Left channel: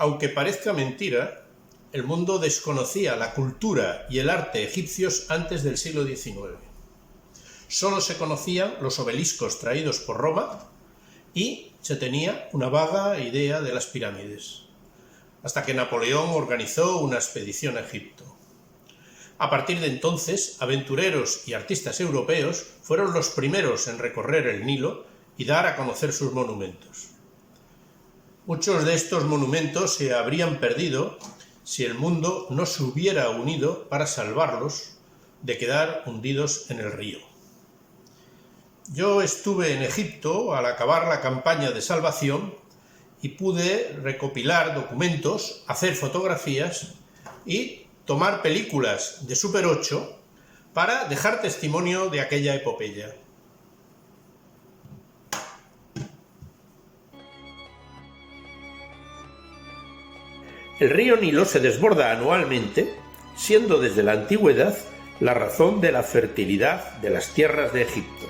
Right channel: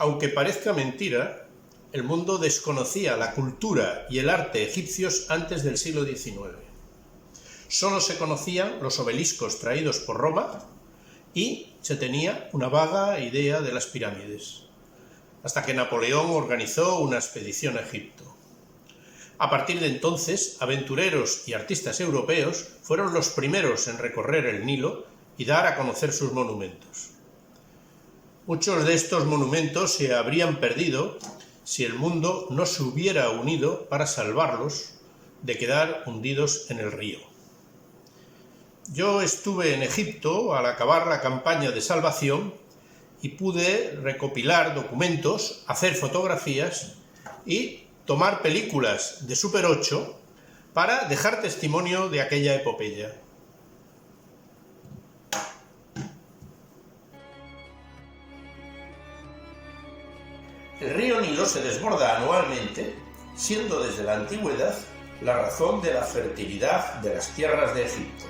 Aunque parezca mentira, el mundo desconocía la cultura y el arte egipcios antes del siglo XIX. Solo se conocían los obeliscos traídos por Roma y se tenía una vaga idea de las pirámides, hasta que Napoleón organizó una expedición a Egipto. A partir de entonces, aventureros y artistas europeos fueron los primeros en recorrer el Nilo y dar a conocer sus monumentos. Muchos de estos monumentos se habrían perdido si el mundo no se hubiera unido para salvarlos de quedar hundidos en el río. Yo estuve en Egipto al acabar la campaña de salvación y pude recopilar documentos, hacer fotografías y tomar películas de Super 8 para dejar testimonio de aquella epopeya. El río Nilo se desborda anualmente, siendo desde la antigüedad la razón de la fertilidad de las tierras de Egipto.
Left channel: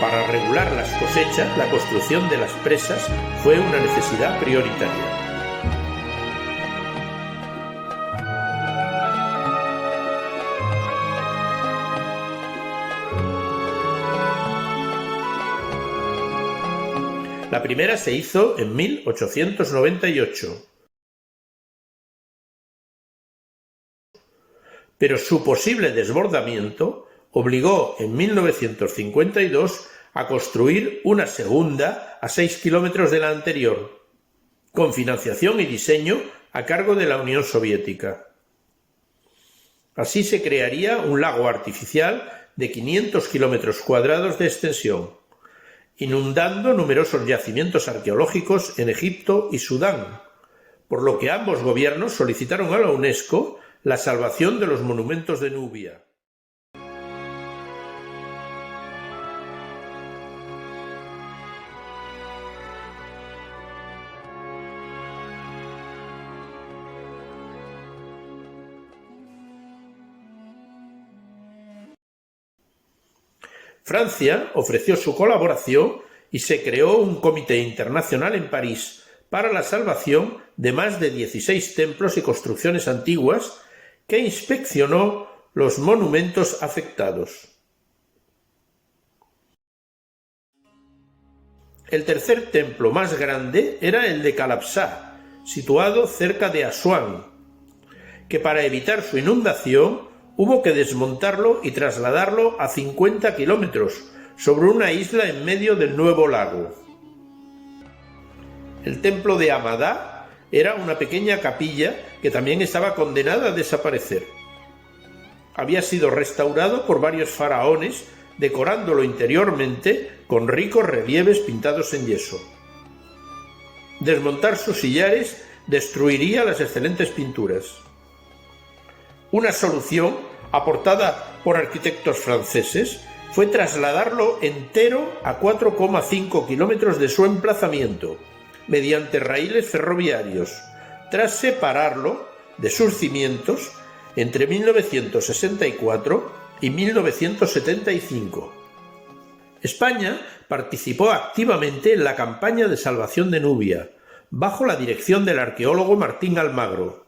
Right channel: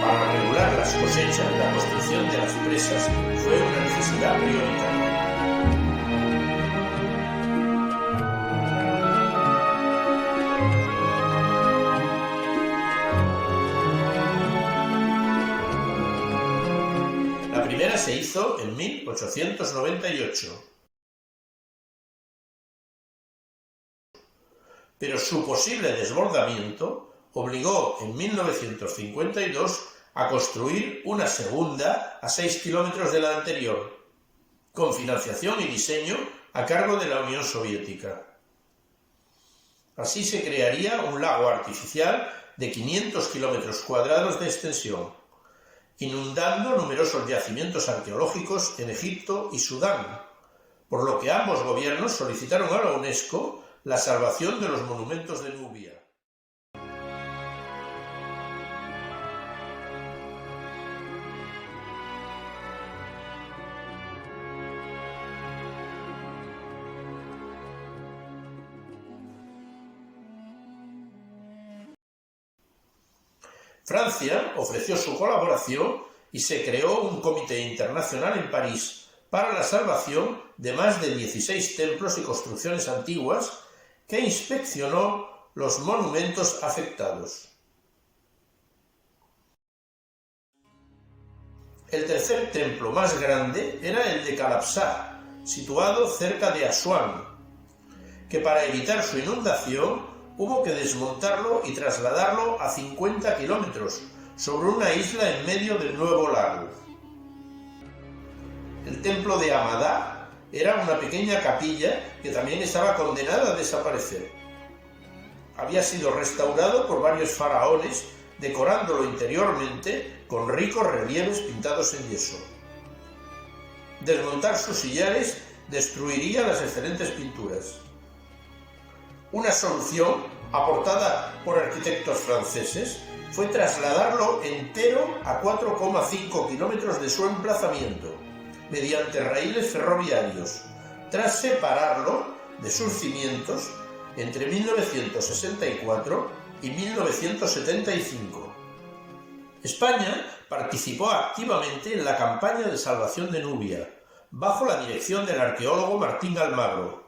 Para regular las cosechas, la construcción de las presas fue una necesidad prioritaria. La primera se hizo en 1898, pero su posible desbordamiento obligó en 1952 a construir una segunda a 6 kilómetros de la anterior, con financiación y diseño a cargo de la Unión Soviética. Así se crearía un lago artificial de 500 kilómetros cuadrados de extensión, inundando numerosos yacimientos arqueológicos en Egipto y Sudán, por lo que ambos gobiernos solicitaron a la UNESCO la salvación de los monumentos de Nubia. Francia ofreció su colaboración y se creó un comité internacional en París para la salvación de más de 16 templos y construcciones antiguas que inspeccionó los monumentos afectados. El tercer templo más grande era el de Calapsá, situado cerca de Asuán, que para evitar su inundación hubo que desmontarlo y trasladarlo a 50 kilómetros sobre una isla en medio del nuevo lago. El templo de Amadá era una pequeña capilla que también estaba condenada a desaparecer. Había sido restaurado por varios faraones, decorándolo interiormente con ricos relieves pintados en yeso. Desmontar sus sillares destruiría las excelentes pinturas. Una solución, aportada por arquitectos franceses, fue trasladarlo entero a 4,5 kilómetros de su emplazamiento, mediante raíles ferroviarios, tras separarlo de sus cimientos entre 1964 y 1975. España participó activamente en la campaña de salvación de Nubia, bajo la dirección del arqueólogo Martín Almagro,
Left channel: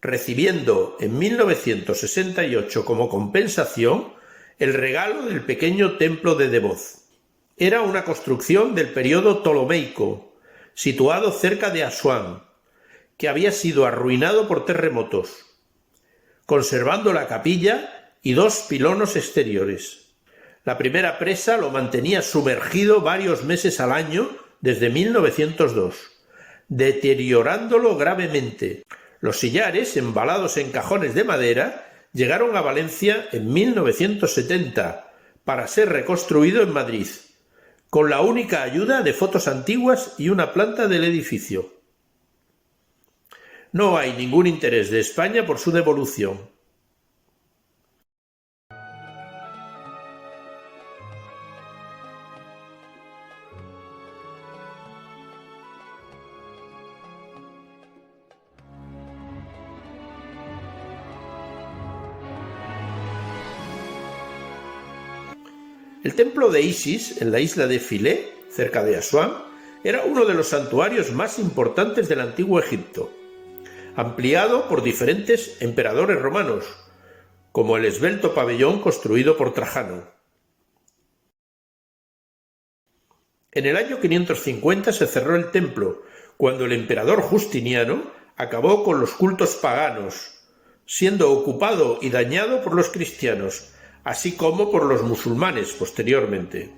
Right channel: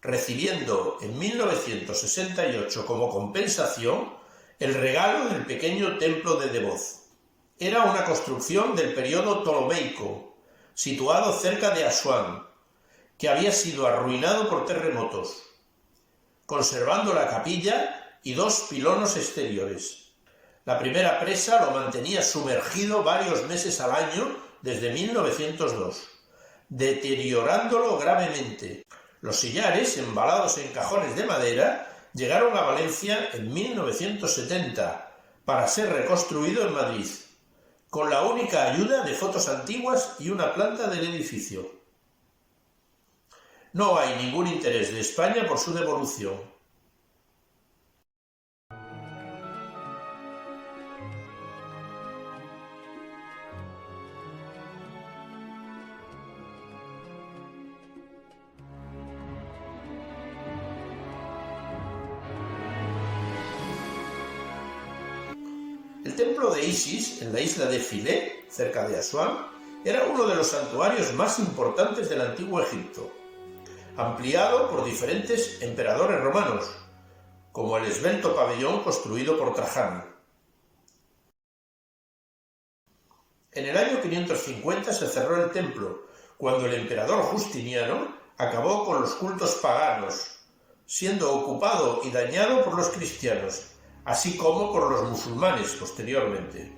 recibiendo en 1968 como compensación el regalo del pequeño templo de Devoz. Era una construcción del período ptolomeico, situado cerca de Asuán, que había sido arruinado por terremotos, conservando la capilla y 2 pilonos exteriores. La primera presa lo mantenía sumergido varios meses al año desde 1902, deteriorándolo gravemente. Los sillares, embalados en cajones de madera, llegaron a Valencia en 1970 para ser reconstruido en Madrid, con la única ayuda de fotos antiguas y una planta del edificio. No hay ningún interés de España por su devolución. El templo de Isis, en la isla de Philae, cerca de Asuán, era uno de los santuarios más importantes del antiguo Egipto, ampliado por diferentes emperadores romanos, como el esbelto pabellón construido por Trajano. En el año 550 se cerró el templo, cuando el emperador Justiniano acabó con los cultos paganos, siendo ocupado y dañado por los cristianos, así como por los musulmanes posteriormente.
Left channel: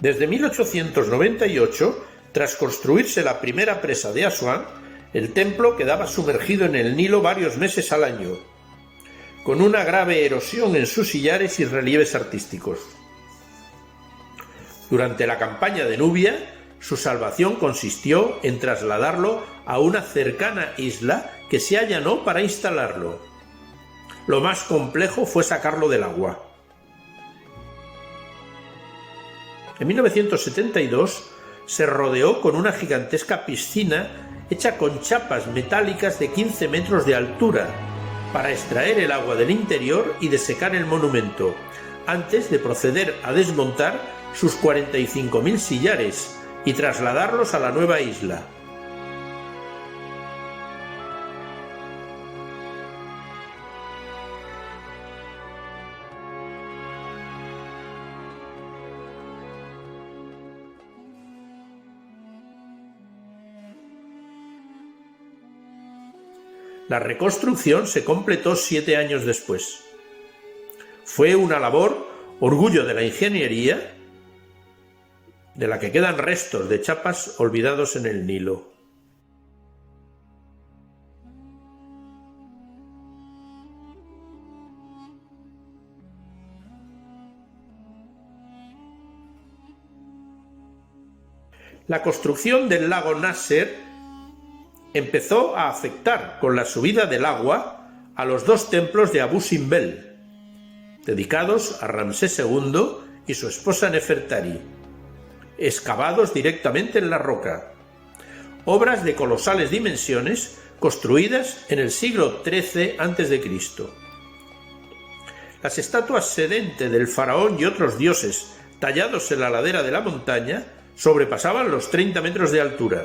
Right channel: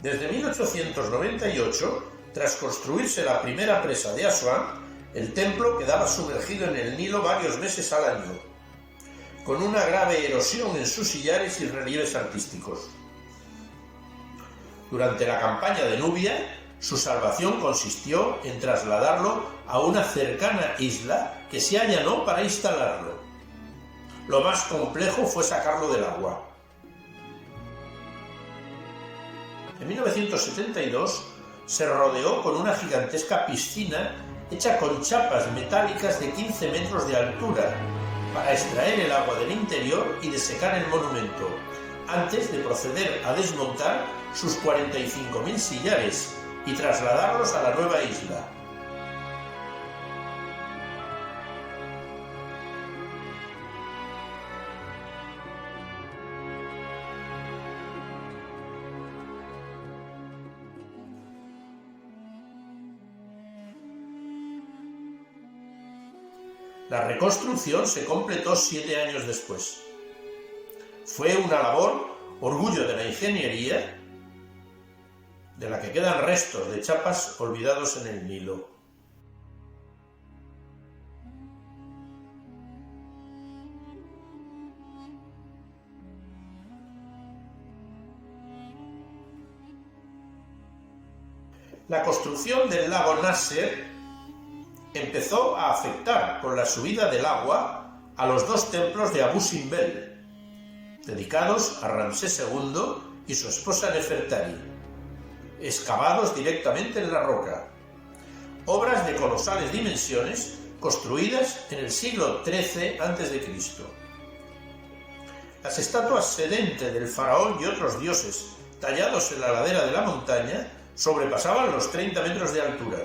Desde 1898, tras construirse la primera presa de Asuán, el templo quedaba sumergido en el Nilo varios meses al año, con una grave erosión en sus sillares y relieves artísticos. Durante la campaña de Nubia, su salvación consistió en trasladarlo a una cercana isla que se allanó para instalarlo. Lo más complejo fue sacarlo del agua. En 1972 se rodeó con una gigantesca piscina hecha con chapas metálicas de 15 metros de altura para extraer el agua del interior y desecar el monumento, antes de proceder a desmontar sus 45.000 sillares y trasladarlos a la nueva isla. La reconstrucción se completó 7 años después. Fue una labor orgullo de la ingeniería, de la que quedan restos de chapas olvidados en el Nilo. La construcción del lago Nasser empezó a afectar con la subida del agua a los dos templos de Abu Simbel, dedicados a Ramsés II y su esposa Nefertari, excavados directamente en la roca, obras de colosales dimensiones construidas en el siglo XIII a.C. Las estatuas sedente del faraón y otros dioses tallados en la ladera de la montaña sobrepasaban los 30 metros de altura,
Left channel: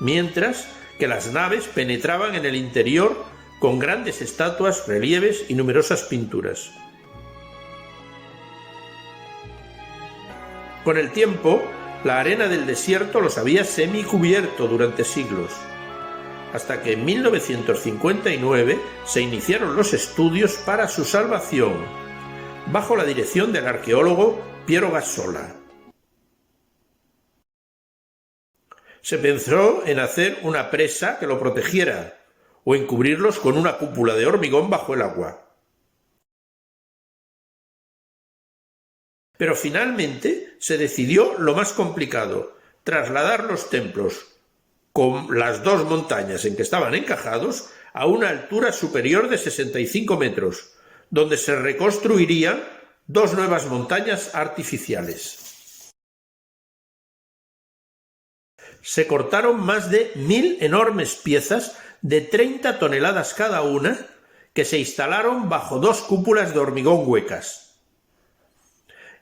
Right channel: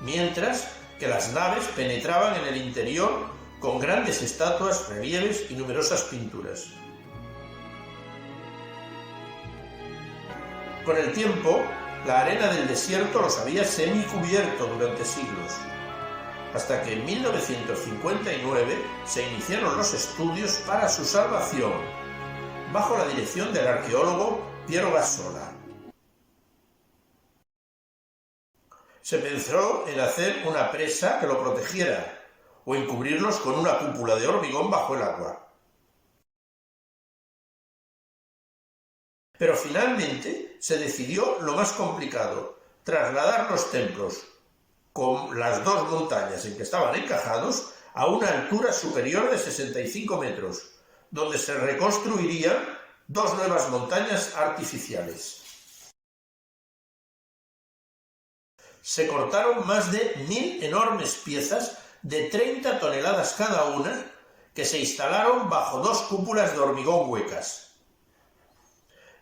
mientras que las naves penetraban en el interior con grandes estatuas, relieves y numerosas pinturas. Con el tiempo, la arena del desierto los había semicubierto durante siglos, hasta que en 1959 se iniciaron los estudios para su salvación, bajo la dirección del arqueólogo Piero Gassola. Se pensó en hacer una presa que lo protegiera o en cubrirlos con una cúpula de hormigón bajo el agua. Pero finalmente se decidió lo más complicado, trasladar los templos con las dos montañas en que estaban encajados a una altura superior de 65 metros, donde se reconstruirían dos nuevas montañas artificiales. Se cortaron más de 1000 enormes piezas de 30 toneladas cada una que se instalaron bajo dos cúpulas de hormigón huecas.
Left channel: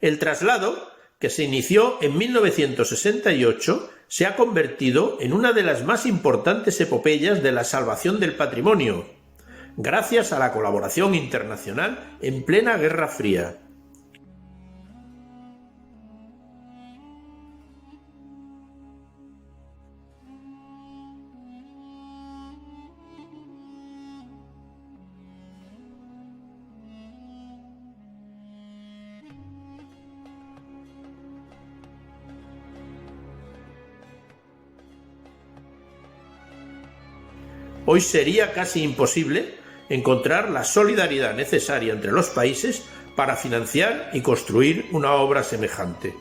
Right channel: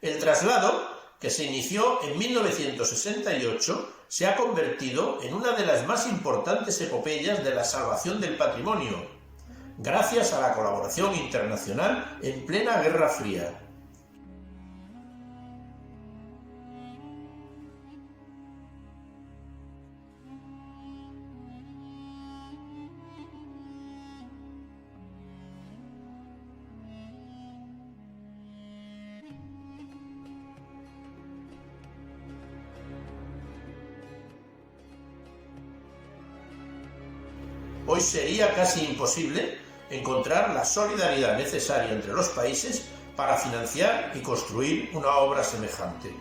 El traslado, que se inició en 1968, se ha convertido en una de las más importantes epopeyas de la salvación del patrimonio, gracias a la colaboración internacional en plena Guerra Fría. Hoy sería casi imposible encontrar la solidaridad necesaria entre los países para financiar y construir una obra semejante.